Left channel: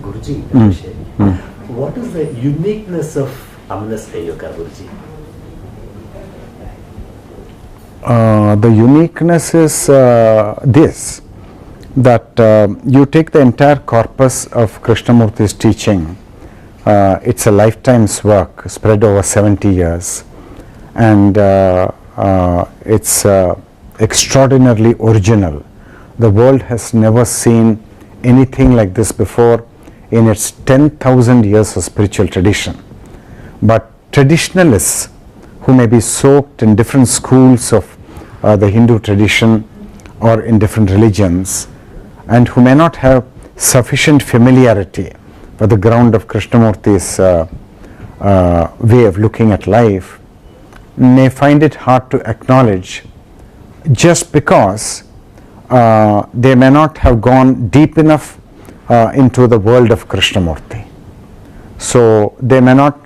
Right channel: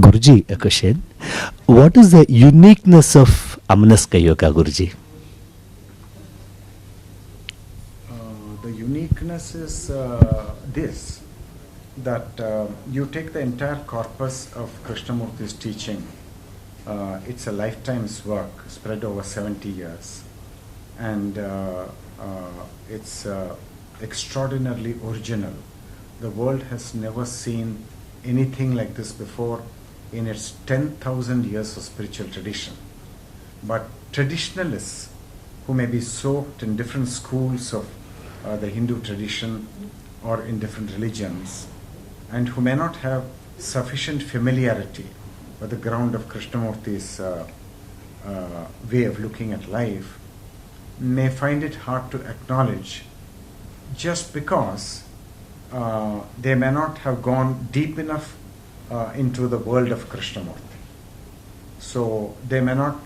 Guruji, a question. What is the uniqueness of Amanaska Yoga, Guruji? The uniqueness is this, that you take the entire corpus of Krishnamurti's teaching. It's a lifetime's work spread over 70 years, and it's extraordinarily original. The world has never seen anything like this before in its 10,000 years of spiritual tradition. But traditionalists who may be soaked in different schools of the Hindu tradition or in different religions, and who may not have sufficient familiarity with the ground of Krishnamurti's way of looking at life, may find it hard to acknowledge, just because they may not have gone deep enough into the world of Krishnamurti. So they may not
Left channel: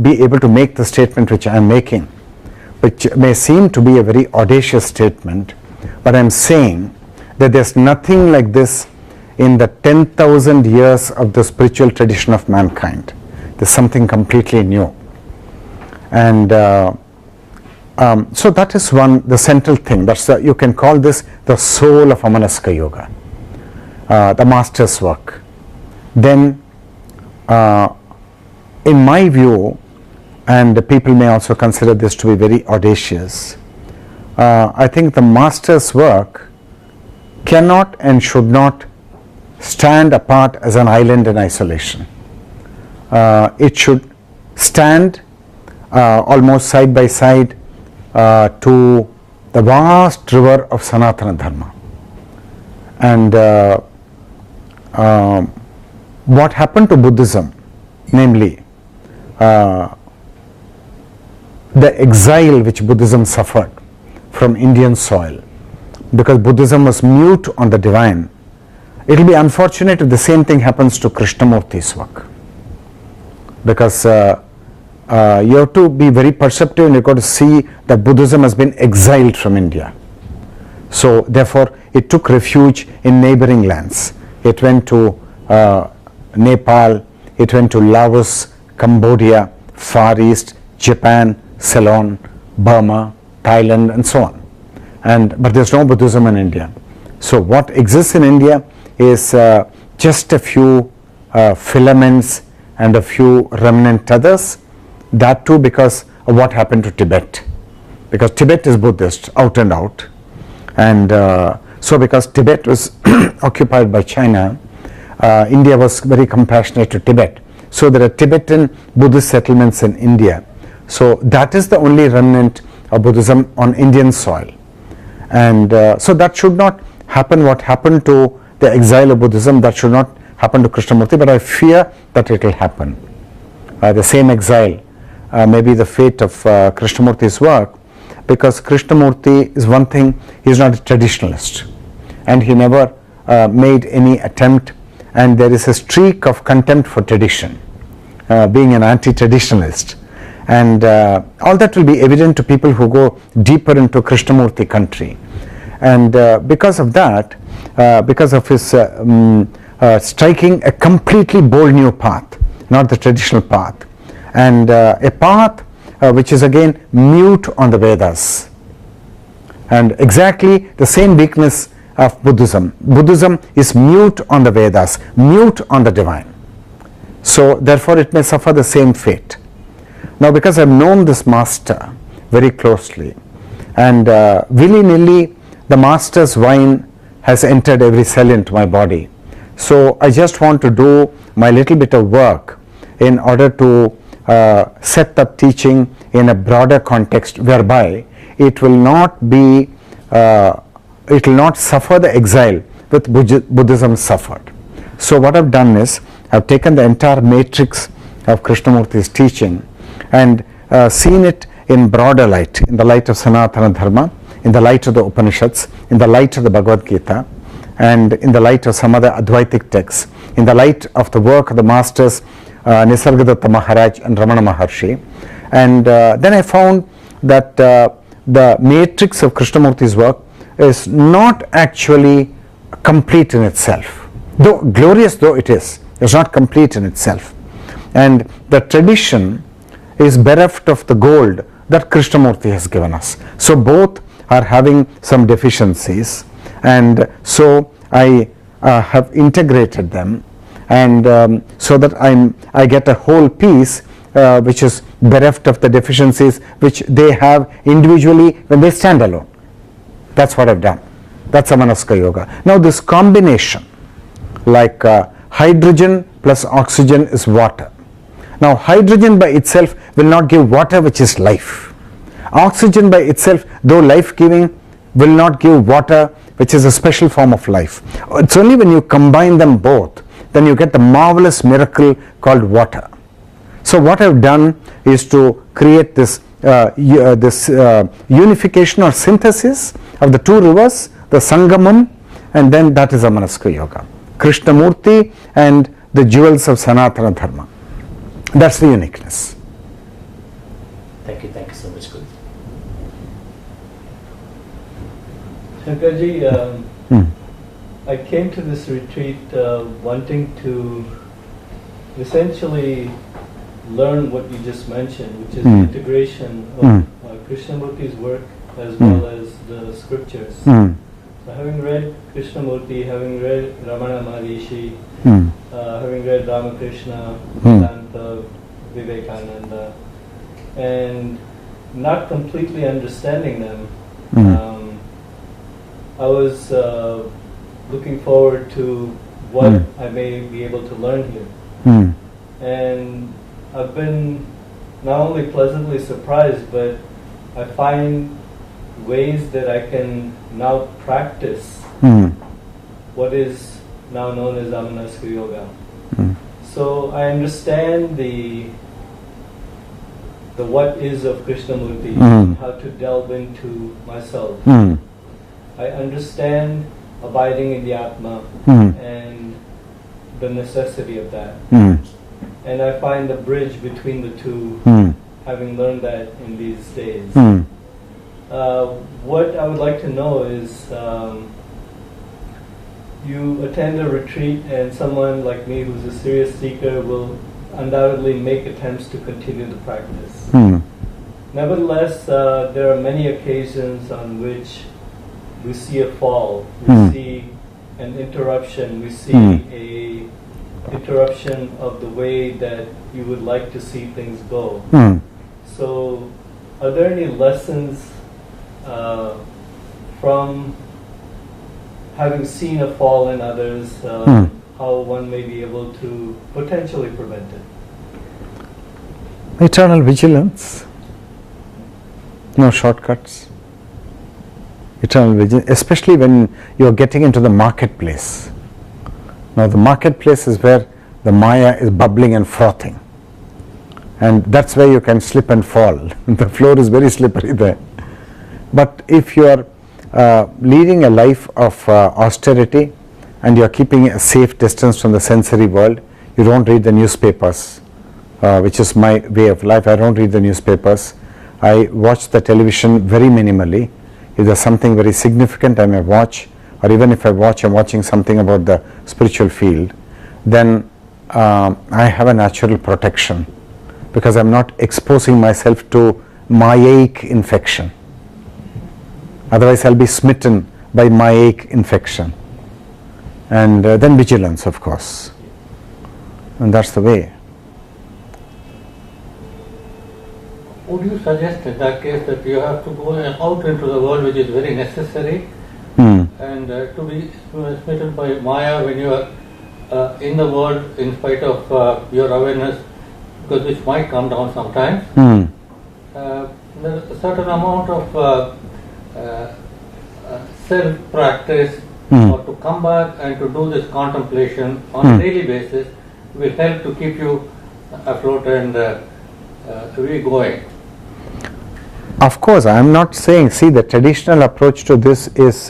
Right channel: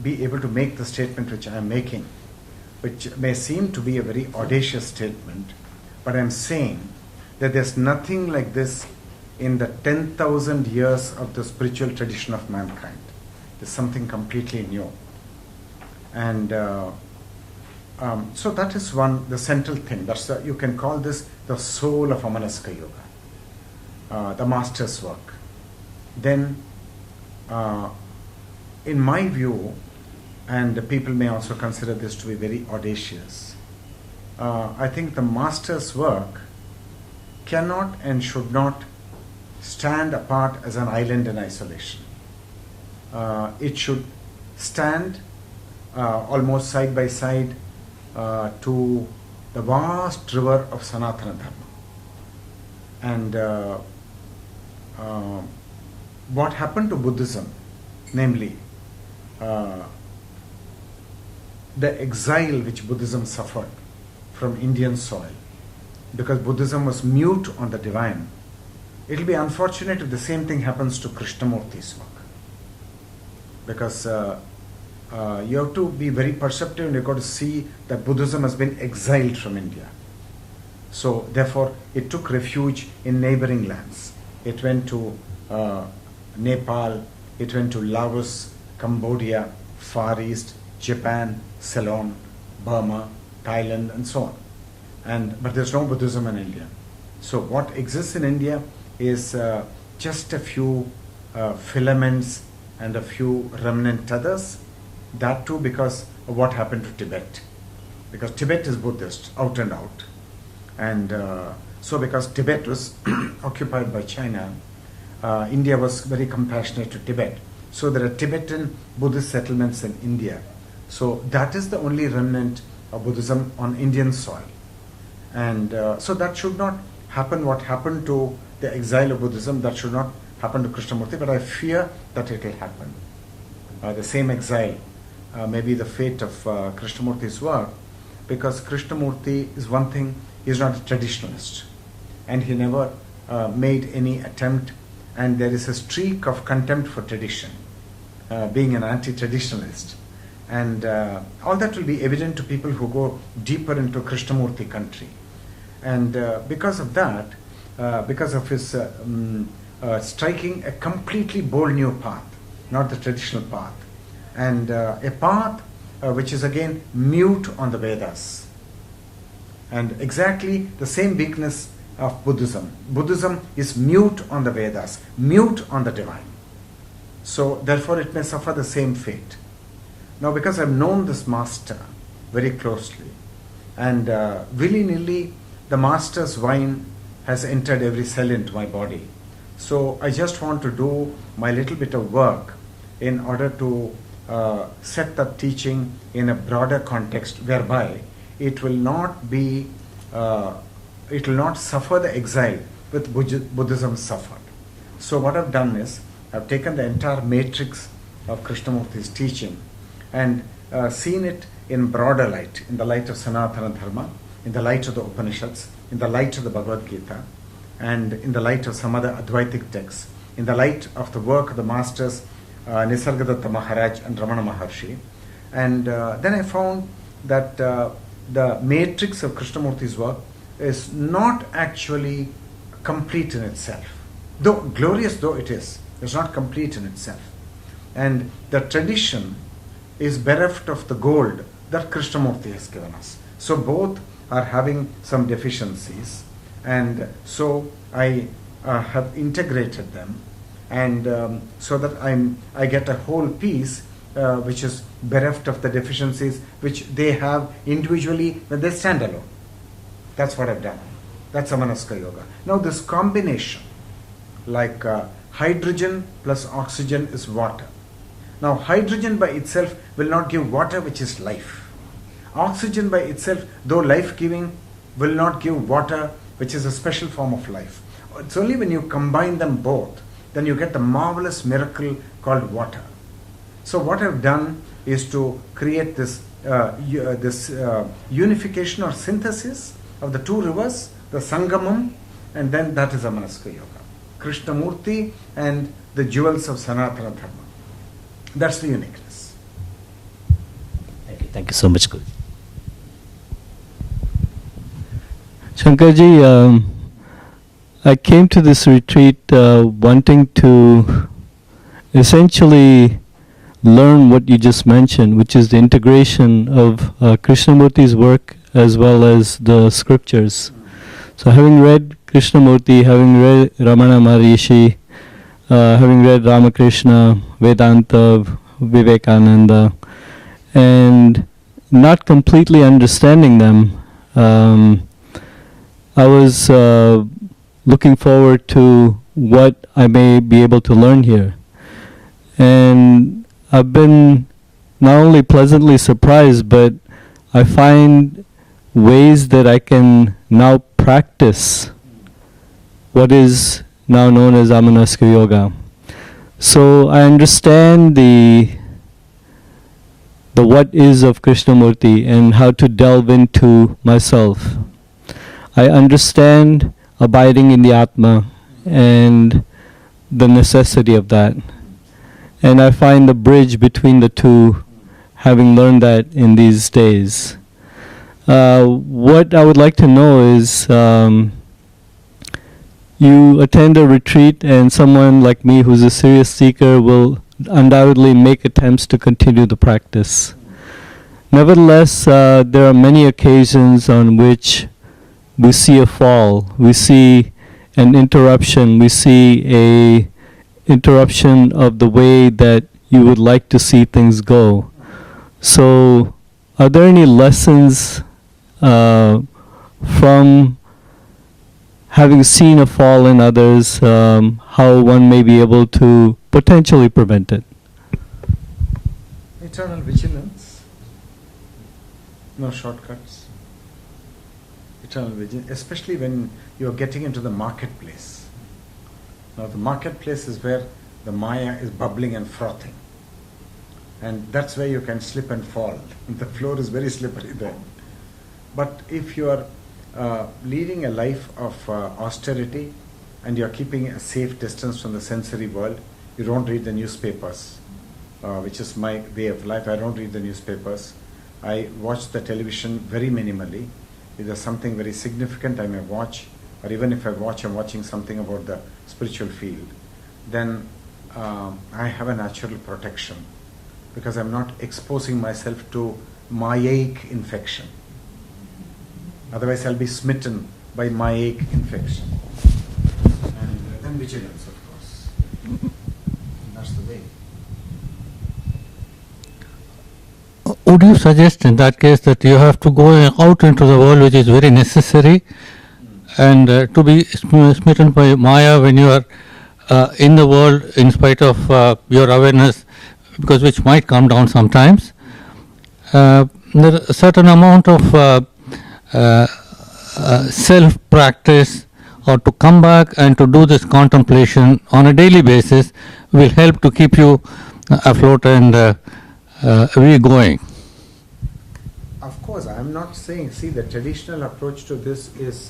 be able to make the statement which I am making, which may seem to be a very audacious statement, but I am saying that there is nothing like this in the 10,000 years of the spiritual tradition of mankind. There is something completely new. And so that is the central thing. That's you can call this the soul of Amanaska Yoga, the master's work. Then in my view, and people may also consider this to be very audacious, I think the master's work cannot and should not stand apart as an island in isolation. It should stand almost side by side to the vast river of Sanatana Dharma. And what happened to Buddhism, namely the exile which Buddhism suffered from Indian soil, because Buddhism was mute on the divine, it will be unfortunate if the same thing happens to Krishnamurti's work, because you have to be very perceptive and you've got to see that Buddhism has been exiled from India. So therefore it took refuge in neighboring lands. It went to Nepal, it went to Laos, Cambodia, Far East, Japan, Ceylon, Burma, Thailand, and so on. But there's no Buddhism in India. So what exists in India is just a few filaments and a few remnant others. That too because of what happened to Tibet. Because Tibet is Buddhist, out and out. And so because Tibet was occupied by China, India was very compassionate to Tibet. So there are Tibetan Buddhist settlements in India. So that is the only remnant of Buddhism on Indian soil. And so that should not happen, what happened to the exile of Buddhism, that should not happen to Krishnamurti, but I fear that it will happen. The same exile may be the fate of Krishnamurti's work, because Krishnamurti is one thing, he is not a traditionalist, and he never made any attempt, and there is a streak of contempt for tradition, being an anti-traditionalist. And all that will be evident to people who go deeper into Krishnamurti country. And because of that, because of his striking a completely bold new path, not the traditional path, and a path which is again mute on the Vedas, and exactly the same weakness of Buddhism. Buddhism is mute on the Vedas, mute on the divine. So therefore it may suffer the same fate. Now, because I have known this master very closely, and willy-nilly the master's wine has entered every cell into my body, so I just want to do my little bit of work in order to set up teaching in a broader context, whereby it will not be, it will not suffer the exile which Buddhism suffered. So what I've done is, I've taken the entire matrix of Krishnamurti's teaching and seen it in broader light, in the light of Sanatana Dharma, in the light of the Upanishads, in the light of the Bhagavad Gita, and in the light of some other Advaitic texts, in the light of the work of the masters Nisargadatta Maharaj and Ramana Maharshi. And then I found that the matrix of Krishnamurti's work is not actually complete in itself. Though glorious though it is, It's not complete in itself. And the tradition is bereft of the gold that Krishnamurti has given us. So both are having some deficiencies, and so I have integrated them, and so that I get a whole piece which is bereft of the deficiencies which they have individually when they stand alone. That's what I've done. That's Amanaska Yoga. Now this combination, like hydrogen plus oxygen is water. Now hydrogen by itself will not give water, which is life. Oxygen by itself, though life-giving, will not give water, which is a special form of life. It's only when you combine them both, then you get the marvelous miracle called water. So what I've done is to create this unification or synthesis of the two rivers, the Sangamam, and then that is Amanaska Yoga. Krishnamurti and the jewels of Sanatana Dharma. That's the uniqueness. Thank you so much, Guru. Shankarji, I came to this retreat wanting to essentially learn what you just mentioned, which is the integration of Krishnamurti's work as well as the scriptures. So having read Krishnamurti, having read Ramana Maharishi, having read Ramakrishna, Vedanta, Vivekananda, and not completely understanding them, I was looking forward to what I may be able to learn here. And I've been not only pleasantly surprised, but I find ways that I can now practice what is now known as Amanaska Yoga. So I understand the what is of Krishnamurti and how to delve into myself. I understand abiding in the Atma and the necessity of that. And I find the bridge between the two, having learned that in these days. What I would like to know is, you attend a retreat and someone like me who's a serious seeker will undoubtedly make attempts to continue the practice. Nevertheless, there are many occasions on which we see a fall, we see an interruption, we see a interruption of the way that you would like to see things go. So are there any lessons from having seen a fall in others, how one may be able to potentially prevent it? Eternal vigilance. No shortcuts. Eternal vigilance, especially when you are getting into the marketplace. Now the marketplace is where the Maya is bubbling and frothing. And that's where you can slip and fall. The floor is very slippery there. But if you are leading a life of austerity and you are keeping a safe distance from the sensory world, you don't read the newspapers, which is my way of life. I don't read the newspapers. I watch the television very minimally. If there's something very significant I may watch, or even if I watch, I'm watching something about the spiritual field, then I have a natural protection because I'm not exposing myself to Mayaic infection. Otherwise I'll be smitten by Mayaic infection. And then vigilance, of course. And that's the way. Would you suggest in that case that you have to go out into the world, which is very necessary, and to be smitten by Maya when you are in the world in spite of your awareness, because which might come down sometimes? There is a certain amount of self-practice or to come back and to do this contemplation on a daily basis will help to keep you afloat and going. Of course, I am not saying, see, the traditional approach to this is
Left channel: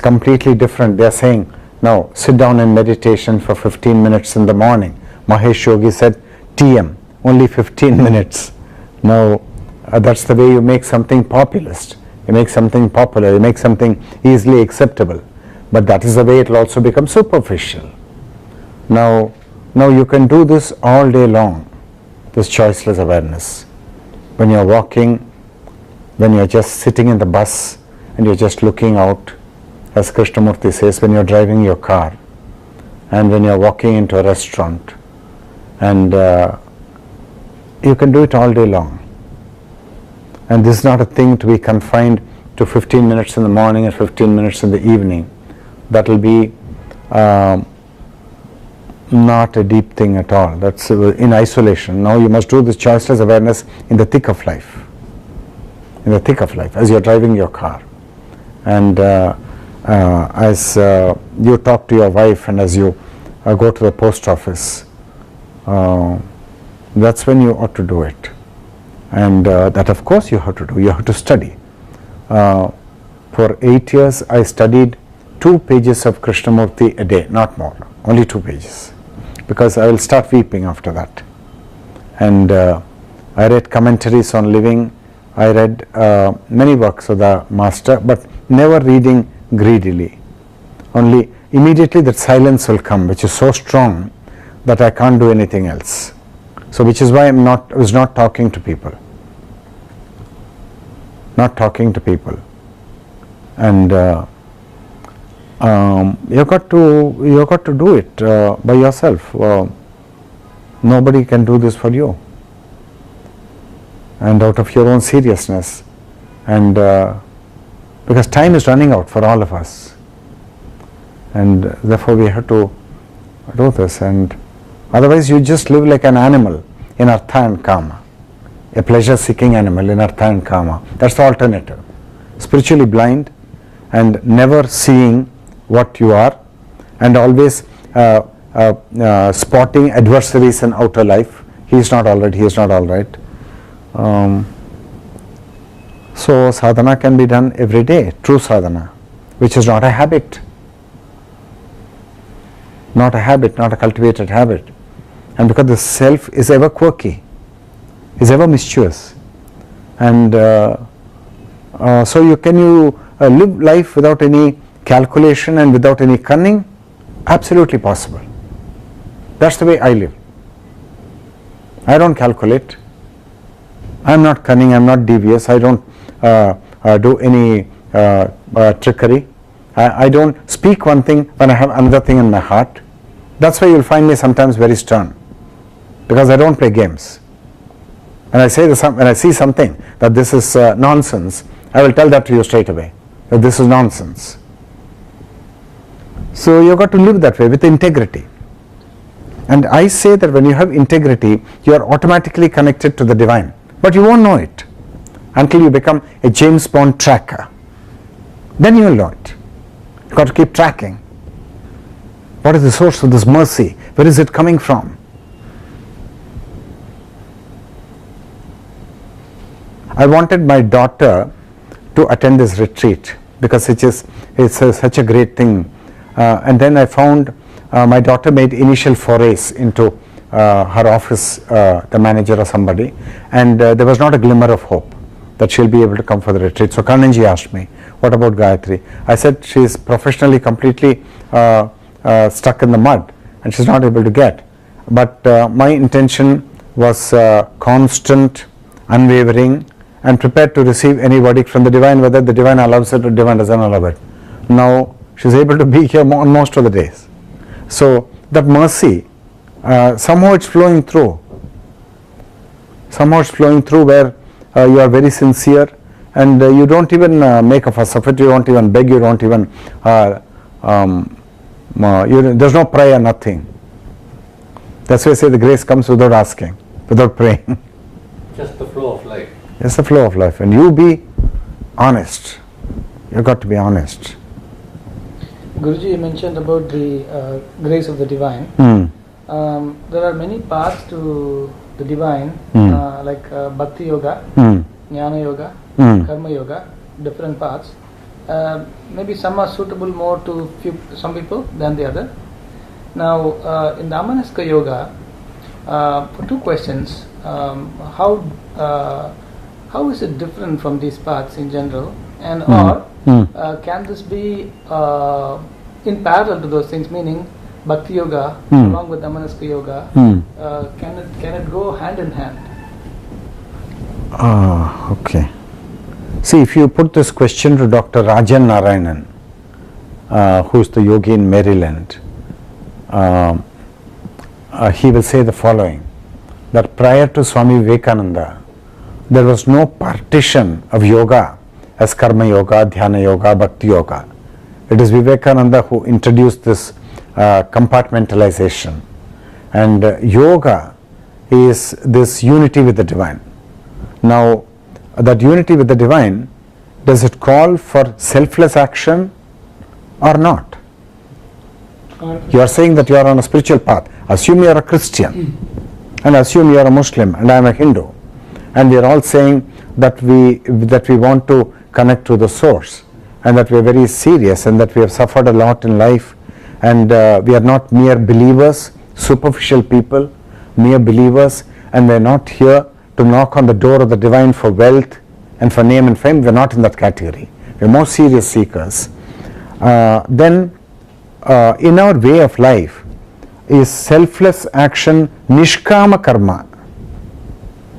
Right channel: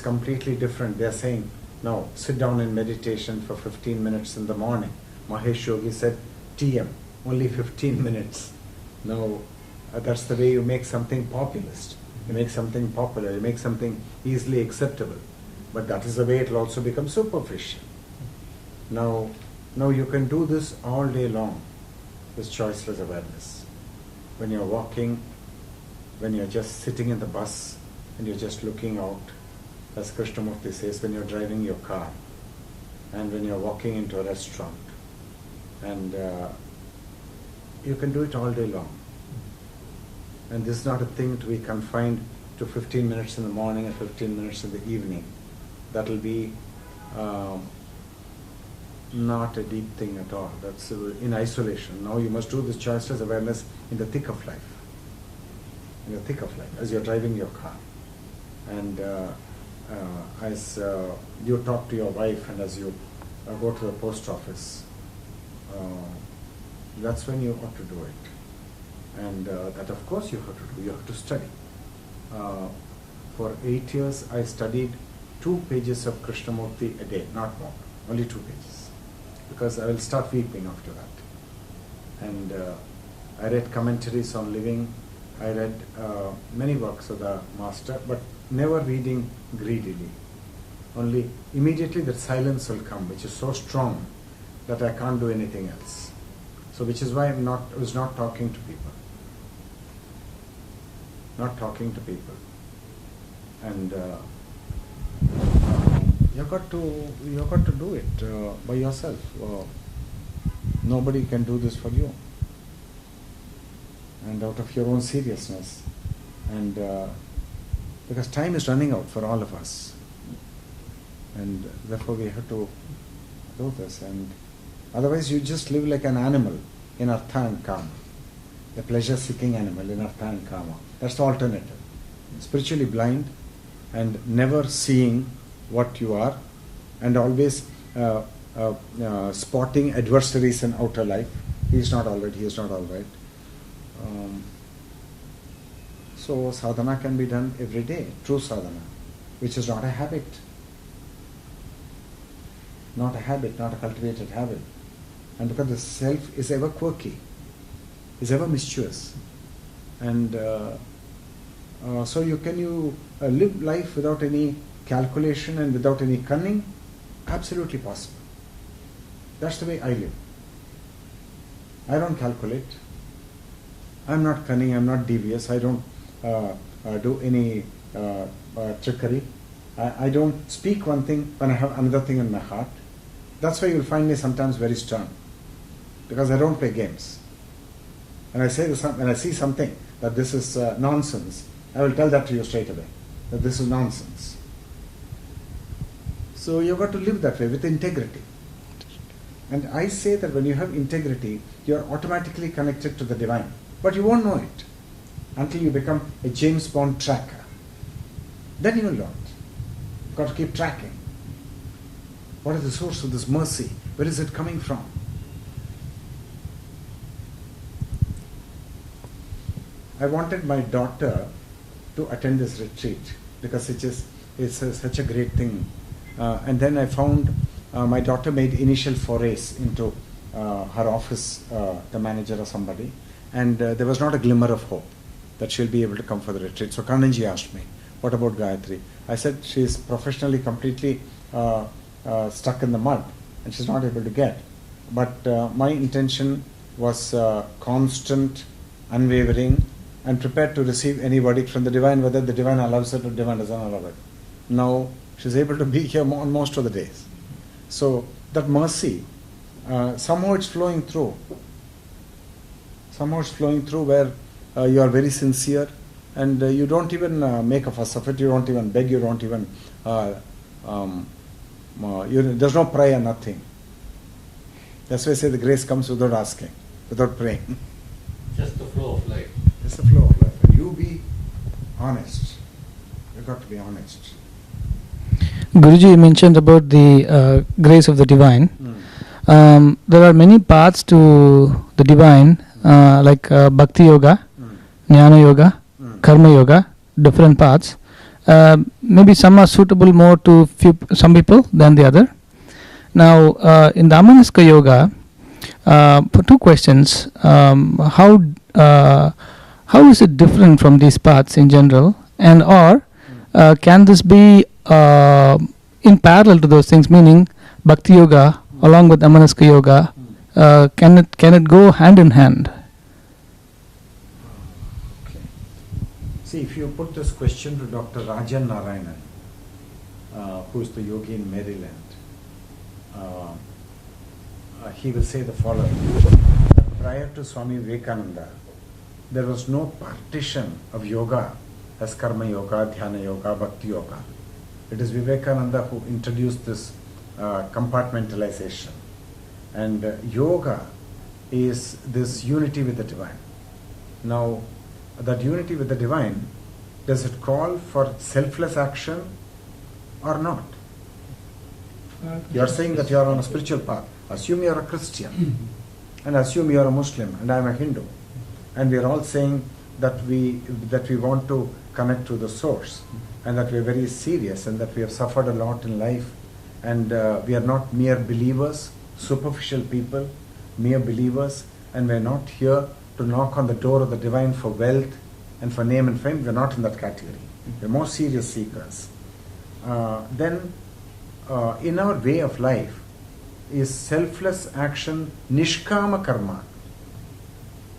completely different. They are saying, no, sit down in meditation for 15 minutes in the morning. Mahesh Yogi said, TM, only 15 minutes. Now, that's the way you make something populist. You make something popular, you make something easily acceptable. but that is the way it will also become superficial. Now you can do this all day long, this choiceless awareness. When you are walking, when you are just sitting in the bus and you are just looking out, as Krishnamurti says, when you are driving your car, and when you are walking into a restaurant, and you can do it all day long. And this is not a thing to be confined to 15 minutes in the morning and 15 minutes in the evening. That will be not a deep thing at all. That's in isolation. Now you must do this choiceless awareness in the thick of life. In the thick of life, as you're driving your car. And as you talk to your wife and as you go to the post office, that's when you ought to do it. And that of course you have to do. You have to study. For 8 years I studied 2 pages of Krishnamurti a day, not more, only 2 pages. Because I will start weeping after that. And I read commentaries on living, I read many works of the master, but never reading greedily. Only immediately that silence will come, which is so strong that I can't do anything else. So which is why I was not talking to people. Not talking to people. And you got to do it by yourself. Nobody can do this for you. And out of your own seriousness. And because time is running out for all of us. And therefore we have to do this. And otherwise you just live like an animal in artha and kama. A pleasure-seeking animal in artha and kama. That's the alternative. Spiritually blind and never seeing what you are, and always spotting adversaries in outer life. He is not all right, he is not all right. So sadhana can be done every day, true sadhana, which is not a habit. Not a habit, not a cultivated habit. And because the self is ever quirky, is ever mischievous. And so you live life without any calculation and without any cunning? Absolutely possible. That's the way I live. I don't calculate. I'm not cunning, I'm not devious, I don't do any trickery. I don't speak one thing when I have another thing in my heart. That's why you'll find me sometimes very stern, because I don't play games. When I see something that this is nonsense, I will tell that to you straight away, that this is nonsense. So you've got to live that way with integrity. And I say that when you have integrity, you are automatically connected to the divine. But you won't know it until you become a James Bond tracker. Then you will know it. You've got to keep tracking. What is the source of this mercy? Where is it coming from? I wanted my daughter to attend this retreat because it's such a great thing. And then I found my daughter made initial forays into her office, the manager or somebody, and there was not a glimmer of hope that she'll be able to come for the retreat. So Kananji asked me, what about Gayatri? I said she is professionally completely stuck in the mud and she's not able to get. But my intention was constant, unwavering, and prepared to receive any verdict from the divine, whether the divine allows it or the divine doesn't allow it. Now she's able to be here on most of the days. So that mercy, somehow it's flowing through. Somehow it's flowing through where you are very sincere and you don't even make a fuss of it, you don't even beg, you don't even, there's no prayer, nothing. That's why I say the grace comes without asking, without praying. Just the flow of life. It's the flow of life, and you be honest. You've got to be honest. Guruji, you mentioned about the grace of the divine. There are many paths to the divine, like Bhakti Yoga, Jnana Yoga, Karma Yoga, different paths. Maybe some are suitable more to some people than the other. Now, in the Amanaska Yoga, for 2 questions, how is it different from these paths in general, and or can this be in parallel to those things, meaning Bhakti Yoga along with Amanaska Yoga, can it go hand in hand? Okay. See, if you put this question to Dr. Rajan Narayanan, who is the yogi in Maryland, he will say the following, that prior to Swami Vivekananda, there was no partition of yoga as karma yoga, dhyana yoga, bhakti yoga. It is Vivekananda who introduced this compartmentalization. And yoga is this unity with the divine. Now, that unity with the divine, does it call for selfless action or not? You are saying that you are on a spiritual path. Assume you are a Christian, and assume you are a Muslim, and I am a Hindu, and we are all saying that we want to connect to the source, and that we are very serious, and that we have suffered a lot in life, and we are not mere believers, superficial people, mere believers, and we are not here to knock on the door of the divine for wealth and for name and fame. We are not in that category. We are more serious seekers. Then in our way of life is selfless action, nishkama karma.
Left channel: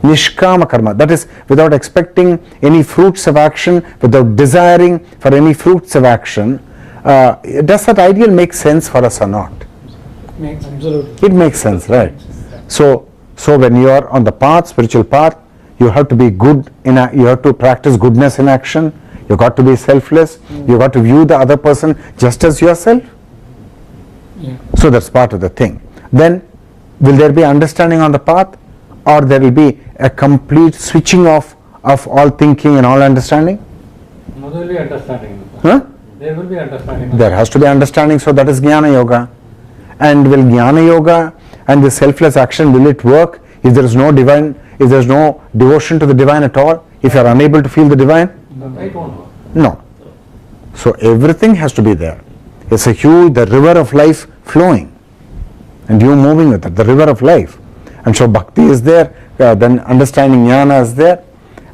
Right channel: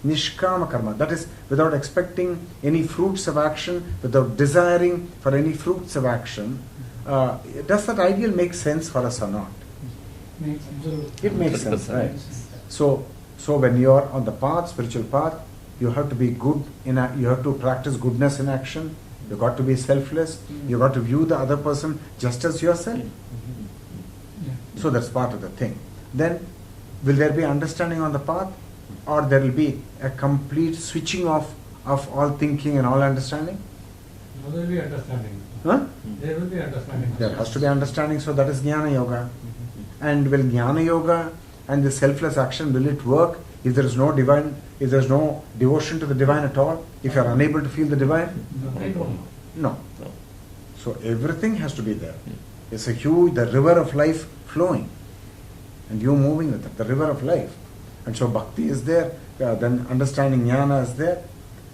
Nishkama karma, that is without expecting any fruits of action, without desiring for any fruits of action. Does that ideal make sense for us or not? Absolutely. It makes sense, right? So when you are on the path, spiritual path, you have to be good, you have to practice goodness in action, you got to be selfless, you got to view the other person just as yourself. So that's part of the thing. Then will there be understanding on the path, or there will be a complete switching off of all thinking and all understanding? No, there will be understanding. Huh? There will be understanding. There has to be understanding, so that is Jnana Yoga. And will Jnana Yoga and the selfless action, will it work if there is no divine, if there is no devotion to the divine at all, if you are unable to feel the divine? I don't know. No. So everything has to be there. It's a huge, the river of life flowing, and you moving with it, the river of life. And so bhakti is there, then understanding jnana is there,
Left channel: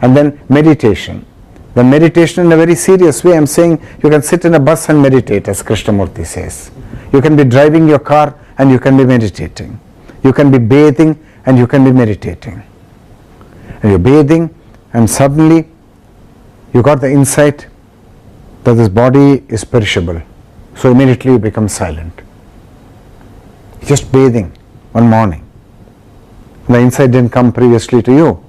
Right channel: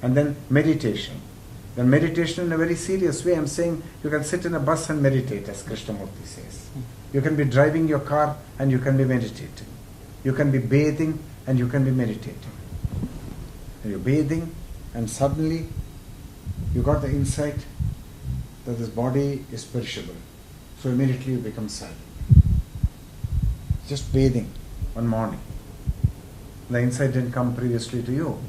and then meditation. The meditation in a very serious way, I'm saying you can sit in a bus and meditate, as Krishnamurti says. You can be driving your car and you can be meditating. You can be bathing and you can be meditating. And you're bathing and suddenly you got the insight that this body is perishable. So immediately you become silent. Just bathing one morning. The insight didn't come previously to you.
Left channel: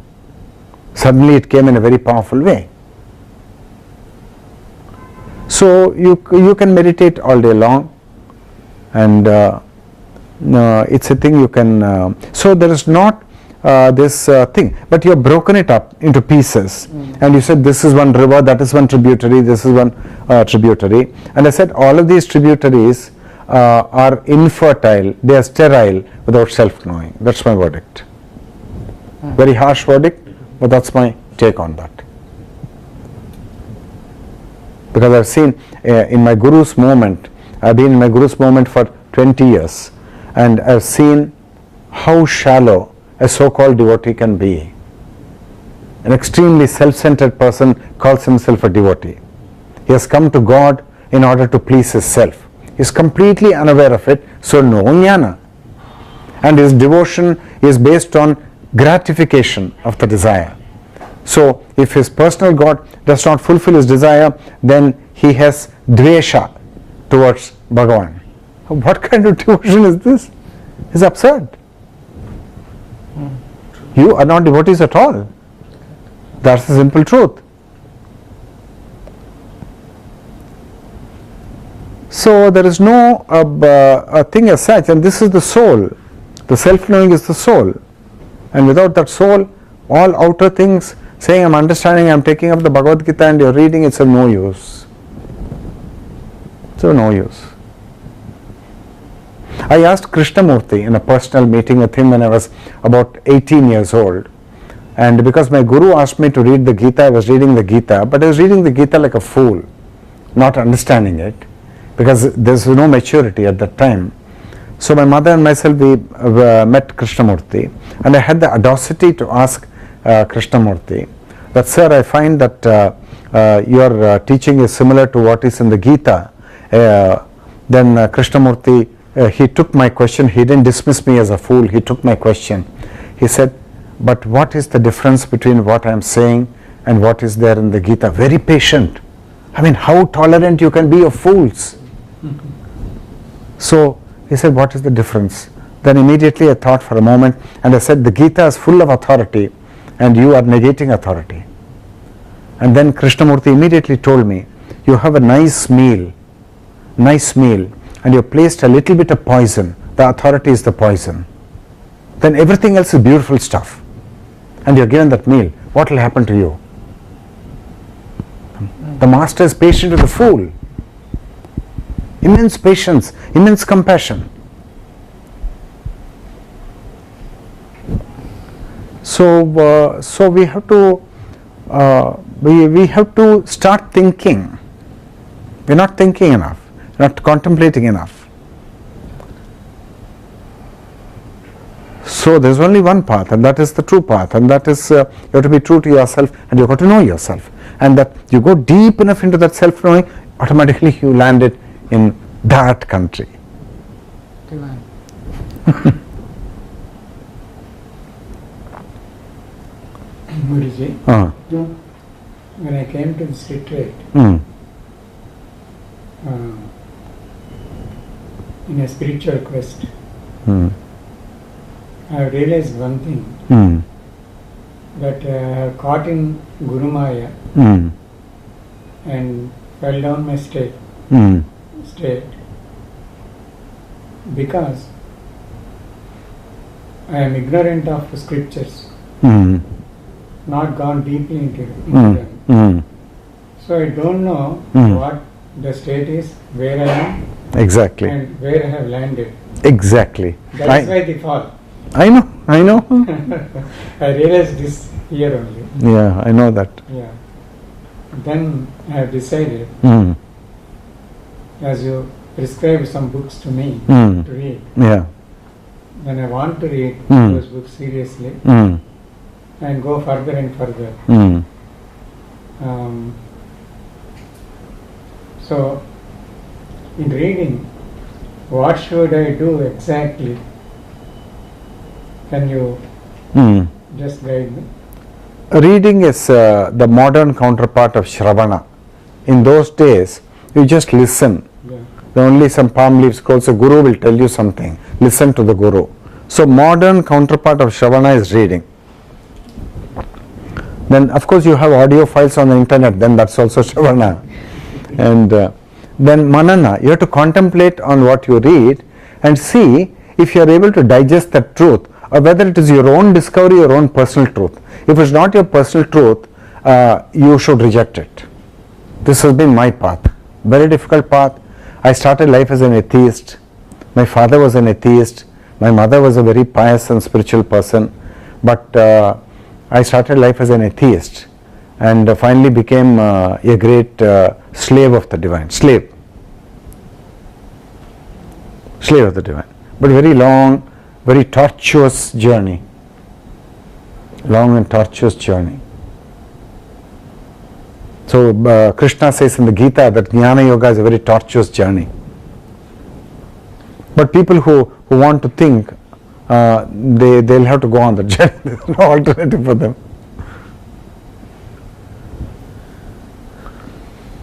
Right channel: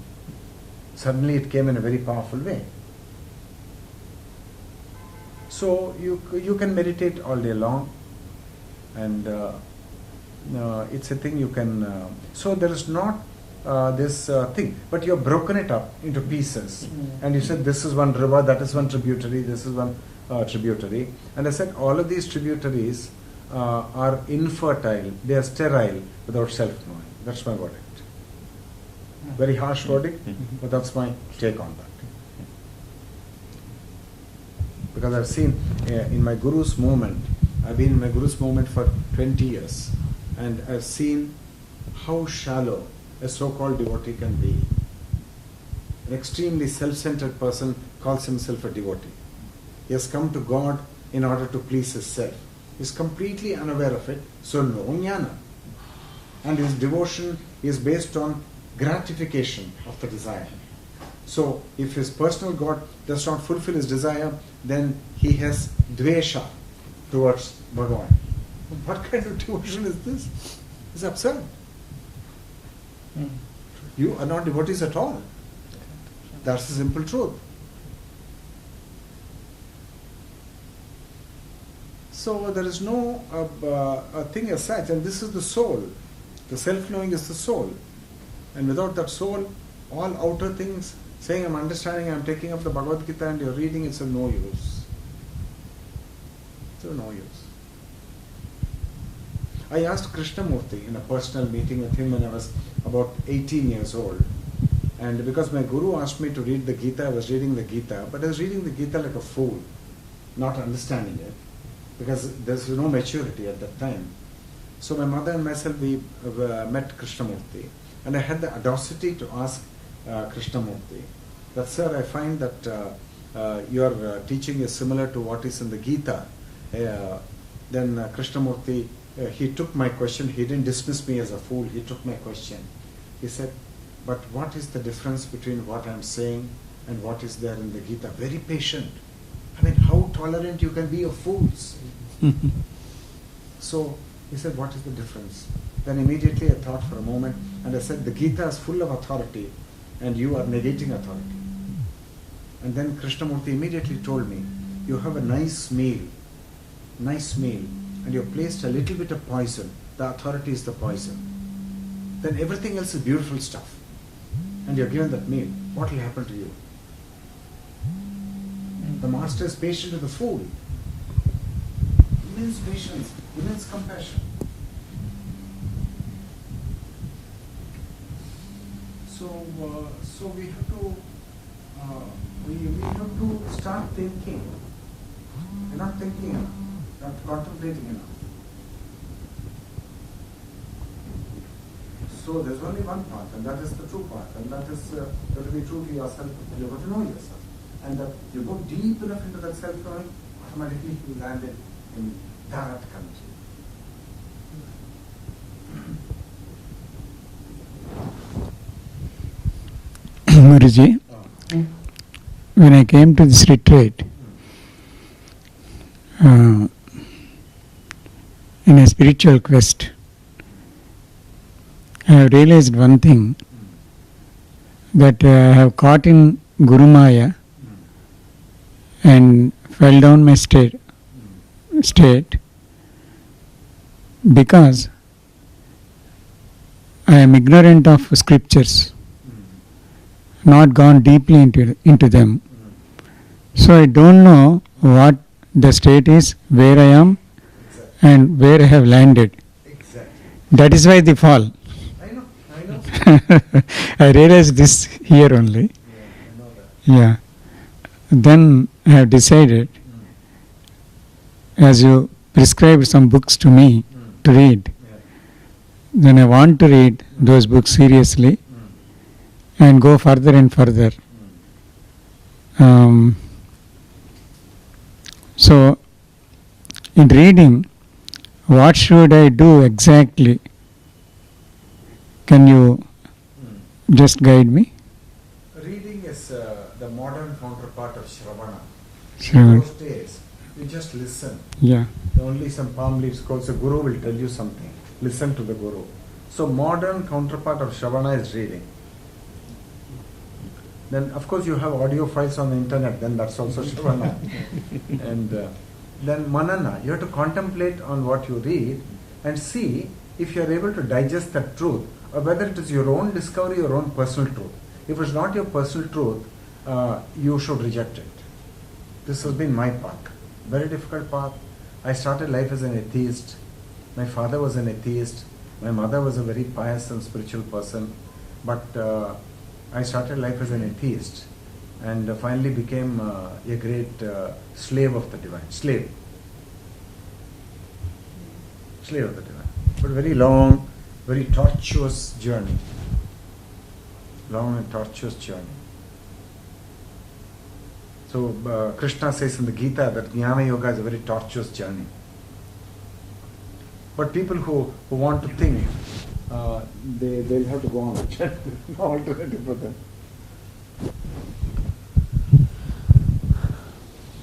Suddenly it came in a very powerful way. So you can meditate all day long, and it's a thing you can, so there is not this thing, but you have broken it up into pieces, and you said this is one river, that is one tributary, this is one tributary, and I said all of these tributaries are infertile, they are sterile without self-knowing. That's my verdict. Very harsh verdict, but that's my take on that. Because I've seen in my Guru's movement, I've been in my Guru's movement for 20 years, and I've seen how shallow a so-called devotee can be. An extremely self-centered person calls himself a devotee. He has come to God in order to please his self. He is completely unaware of it, so no jnana. And his devotion is based on gratification of the desire. So if his personal God does not fulfill his desire, then he has dvesha towards Bhagavan. What kind of devotion is this? It's absurd. You are not devotees at all. That's the simple truth. So there is no a thing as such, and this is the soul. The self-knowing is the soul. And without that soul, all outer things, saying I'm understanding, I'm taking up the Bhagavad Gita and you're reading, it's of no use. It's of no use. I asked Krishnamurti in a personal meeting with him when I was about 18 years old. And because my Guru asked me to read the Gita, I was reading the Gita, but I was reading the Gita like a fool, not understanding it, because there's no maturity at that time. So my mother and myself, we met Krishnamurti, and I had the audacity to ask Krishnamurti that, sir, I find that your teaching is similar to what is in the Gita. Then Krishnamurti, he took my question. He didn't dismiss me as a fool. He took my question. He said, but what is the difference between what I am saying and what is there in the Gita? Very patient. I mean, how tolerant you can be of fools. So he said, what is the difference? Then immediately I thought for a moment, and I said, the Gita is full of authority and you are negating authority. And then Krishnamurti immediately told me, you have a nice meal, and you placed a little bit of poison. The authority is the poison. Then everything else is beautiful stuff. And you're given that meal. What will happen to you? The master is patient with the fool. Immense patience, immense compassion. So we have to we have to start thinking. We're not thinking enough, not contemplating enough. So there's only one path, and that is the true path, and that is you have to be true to yourself, and you've got to know yourself, and that you go deep enough into that self-knowing, automatically you landed in that country. Guruji, when I came to this retreat, in a spiritual quest, I have realized one thing, that I have caught in Guru Maya and fell down my state because I am ignorant of scriptures, not gone deeply into them. So I don't know what the state is, where I am, Exactly. and where I have landed. Exactly. That is why they fall. I know. I realized this here only. Yeah, I know that. Yeah. Then I have decided, as you prescribed some books to me to read, then I want to read those books seriously and go further and further. So, in reading, what should I do exactly? Can you just guide me? Reading is the modern counterpart of Shravana. In those days, you just listen. Yeah. Only some palm leaf scrolls, a guru will tell you something. Listen to the guru. So modern counterpart of Shravana is reading. Then of course you have audio files on the internet, then that's also Shravana. And then Manana, you have to contemplate on what you read and see if you are able to digest that truth, or whether it is your own discovery, your own personal truth. If it's not your personal truth, you should reject it. This has been my path. Very difficult path. I started life as an atheist. My father was an atheist. My mother was a very pious and spiritual person. But I started life as an atheist and finally became a great slave of the divine. Slave of the divine. But very long, very tortuous journey. Long and tortuous journey. So Krishna says in the Gita that Jnana Yoga is a very tortuous journey. But people who want to think, they'll have to go on the journey. There's no alternative for them.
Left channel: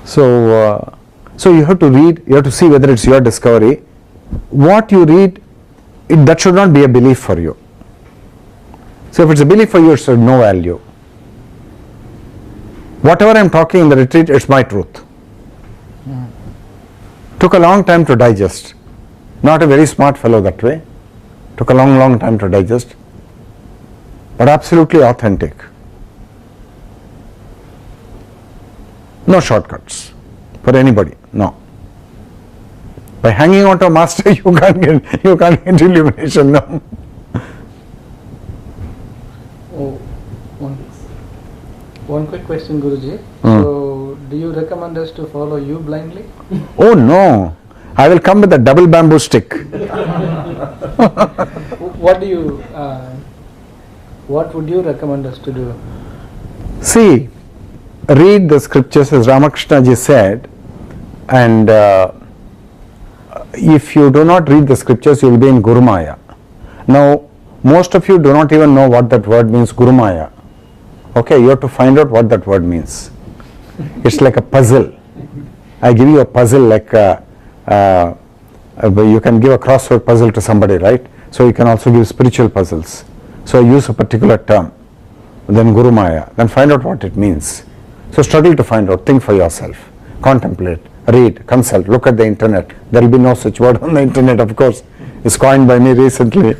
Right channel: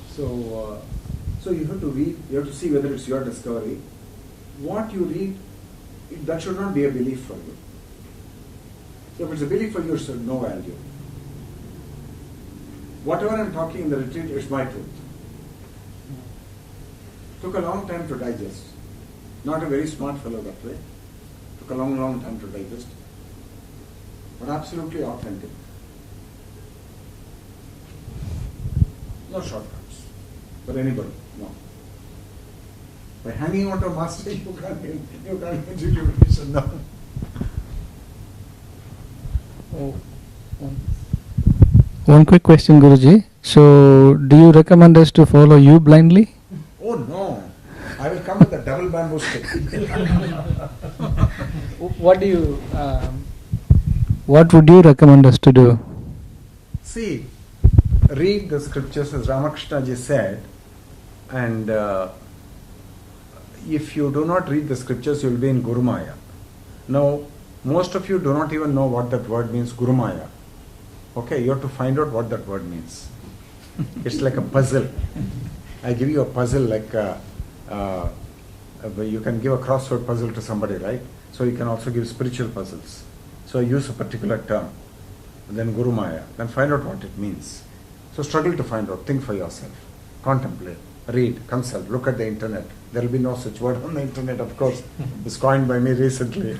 So you have to read, you have to see whether it's your discovery. What you read, that should not be a belief for you. So if it's a belief for you, it's of no value. Whatever I'm talking in the retreat, it's my truth. Took a long time to digest. Not a very smart fellow that way. Took a long time to digest. But absolutely authentic. No shortcuts for anybody. No. By hanging on to a master, you can't get illumination. No. One quick question, Guruji. So, do you recommend us to follow you blindly? Oh no! I will come with a double bamboo stick. What would you recommend us to do? See, read the scriptures as Ramakrishna ji said, and if you do not read the scriptures, you will be in Gurumaya. Now, most of you do not even know what that word means, Gurumaya. Okay, you have to find out what that word means. It's like a puzzle. I give you a puzzle like you can give a crossword puzzle to somebody, right? So you can also give spiritual puzzles. So use a particular term, then Gurumaya, then find out what it means. So struggle to find out, think for yourself, contemplate, read, consult, look at the internet. There will be no such word on the internet, of course. It's coined by me recently.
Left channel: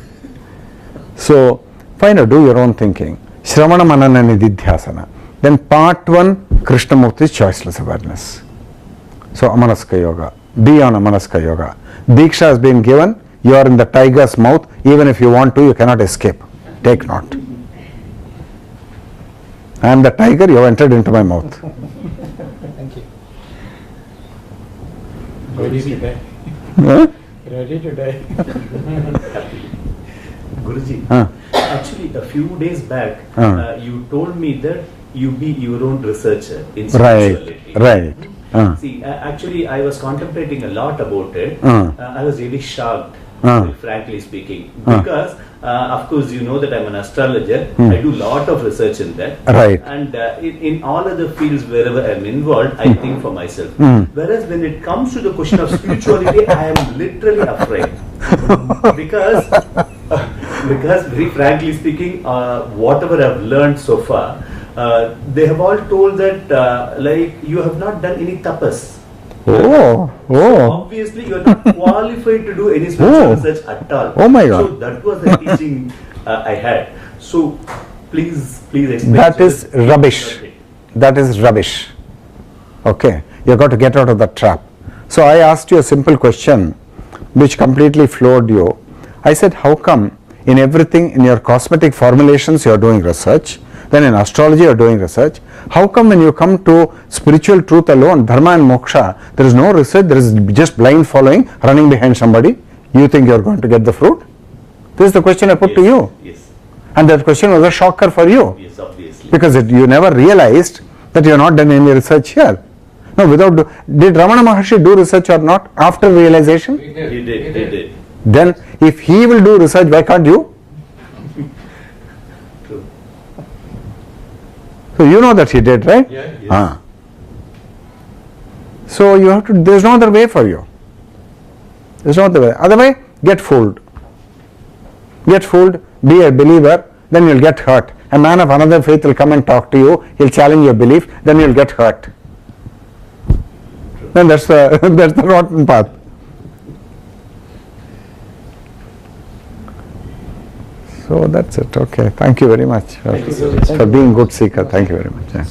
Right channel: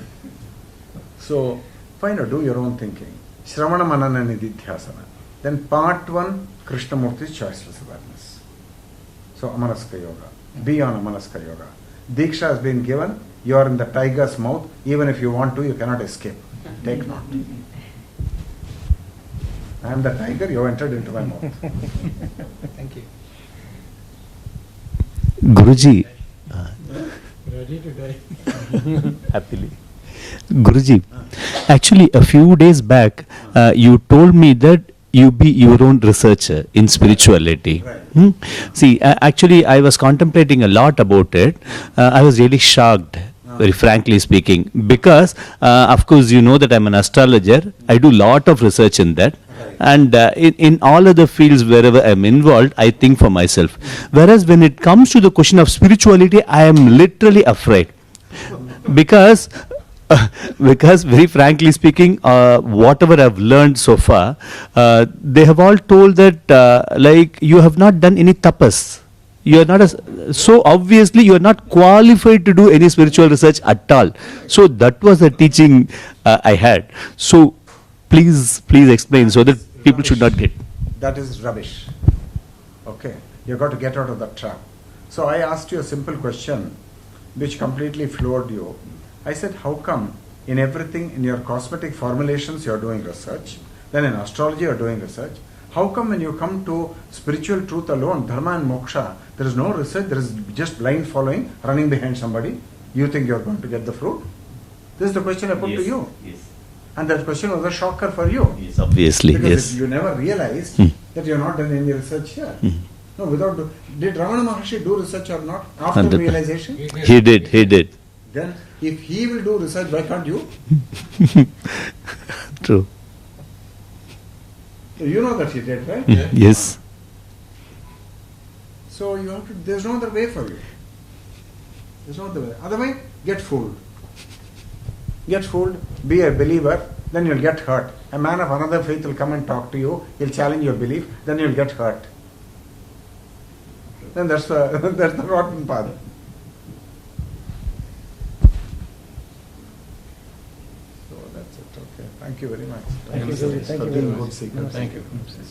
So find out, do your own thinking. Shravana Manana Nididhyasana. Then part 1, Krishnamurti's choiceless awareness. So Amanaska Yoga. Be on Amanaska Yoga. Diksha has been given. You are in the tiger's mouth. Even if you want to, you cannot escape. Take note. I am the tiger, you have entered into my mouth. Thank you. Guruji. Ready to die. Guruji, actually a few days back, you told me that you be your own researcher in spirituality. Right. See, actually I was contemplating a lot about it. I was really shocked, very frankly speaking, because of course you know that I'm an astrologer. I do lot of research in that. Right. And in all other fields wherever I'm involved, I think for myself. Whereas when it comes to the question of spirituality, I am literally afraid. because very frankly speaking, whatever I've learned so far, they have all told that like you have not done any tapas. You are not so obviously you are not qualified to do any spiritual research at all. Oh my God. So that was the teaching I had. So please explain That so is that people rubbish. should not get. That is rubbish. Okay, you got to get out of that trap. So I asked you a simple question which completely floored you. I said, how come in everything, in your cosmetic formulations you are doing research, then in astrology you are doing research, how come when you come to spiritual truth alone, dharma and moksha, there is no research, there is just blind following, running behind somebody, you think you are going to get the fruit? This is the question I put to you. Yes. And that question was a shocker for you. Yes, obviously. Because you never realized that you have not done any research here. No, did Ramana Maharshi do research or not after realization? He did. Then if he will do research, why can't you? True. So you know that he did, right? Yes. So you have to, there is no other way for you. There is no other way. Otherwise, get fooled. Get fooled, be a believer, then you will get hurt. A man of another faith will come and talk to you, he will challenge your belief, then you will get hurt. Then that's the rotten path. So that's it. Okay. Thank you very much for being good seeker. Thank you very much. Yeah.